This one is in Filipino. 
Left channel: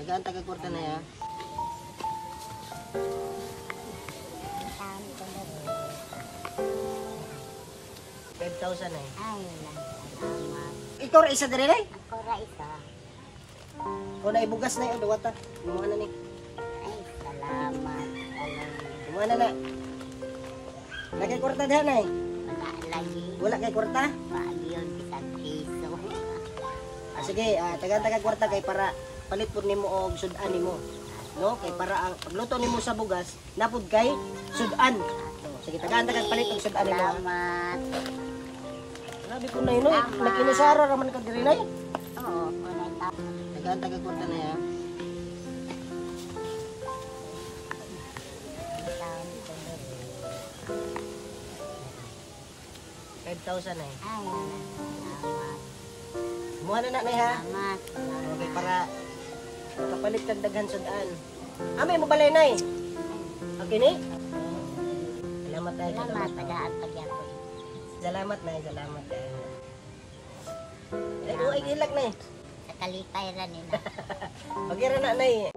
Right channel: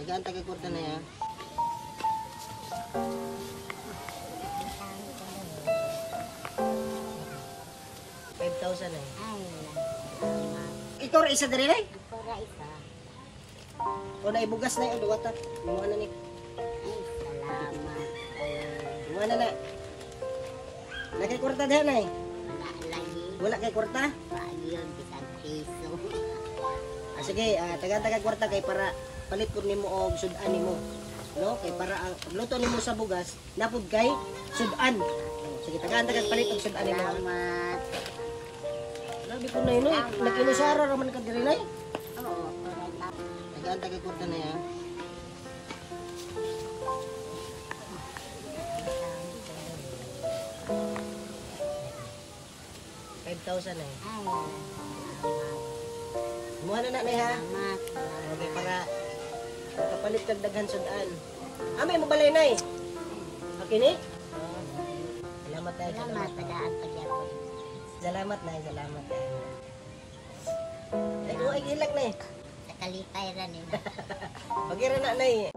Tagaan taga kwarta na ya. $5,000 eh. Ay, salamat. Ikaw ra isa diri nay? Ako ra isa. O na ibugas na yung duwata. Imuha na ni. Ay, salamat. Imuha na na. Nakay kwarta diha nay. Wala lagi. Wala kay kwarta? Wagi yun, isang piso. Sige, taga kwarta kay para palit pud nimo og sudan nimo. No, kay para ang pagluto nimo sa bugas napud kay sudan. Sige, taga palit og sudan nimo. Salamat. Grabe po na yun, no? Nag-inusara raman ka diri nay. Oo, kunay tao. Taga kwarta na ya. $5,000 eh. Ay, salamat. Imuha na na nay ha. Salamat. Okay, para makapalit kag daghan sudan. May mo balay nay. Okay ni? Salamat tayo. Salamat, tagaan pagyapon. Salamat na, salamat tayo. Ay, ilak na eh. Sa kalipay ra nila. Pag-ira na na eh.